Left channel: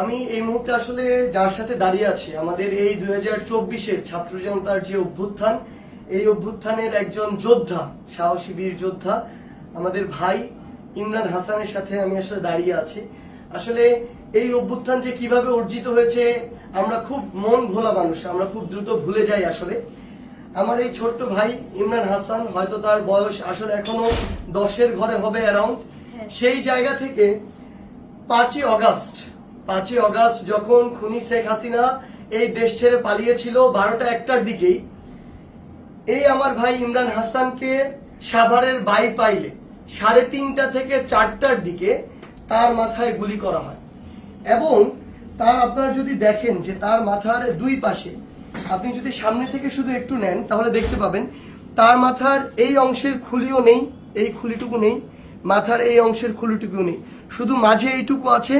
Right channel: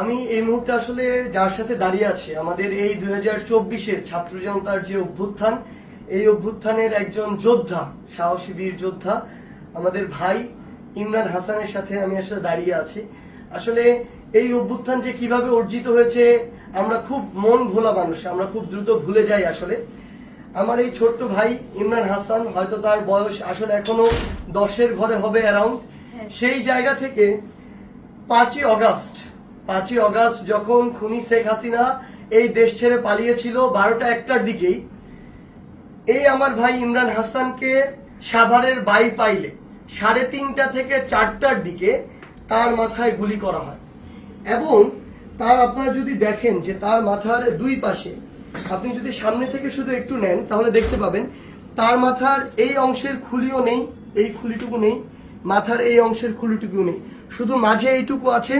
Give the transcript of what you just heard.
আমি এই মুহূর্তে আসলে যার সাথে দাঁড়িয়ে আছি আমাদের এই 2024-এর ছাত্র জনতার যে অভ্যুত্থান, এই অভ্যুত্থানের একজন যোদ্ধা, সাহসী বীর যোদ্ধা আমাদের ভাই ইমরান হাসানের সাথে আমি আসলে দাঁড়িয়ে আছি। আসলে এই অভ্যুত্থান যে কিভাবে অর্জিত হয়েছে আমরা খুব মন ভোলা মানুষ, আমরা খুব দ্রুত ভুলে যাই। আসলে আমার এই ছোট্ট ভাই ইমরান হাসান, হয়তো তার বয়স আসলে এখনো 10-এর ঘরে হবে অ্যারাউন্ড, সেই জায়গা থেকে 5ই অগাস্ট যখন খুনি শেখ হাসিনা এই দেশ ছেড়ে পালিয়েছিল 12টা 1টার দিকেই, এই আমার ভাই ইমরান হাসানকে সাভারের বাইপাইলে 3:30 থেকে 4টার দিকে তার মাথায় গুলি করা হয়। এবং তার আপনারা যদি দেখেন যে তার মাথার দুই পাশে, আপনি যদি সামনে থেকে শুধু একটু নেন তাহলে দেখতে পাবেন তার মাথার এই অংশের খুলিও নেই, এই খুলিটুকু নেই, মাথার এই অংশের খুলিটুকু নেই, শুধু মাঝে এইটুকু আছে।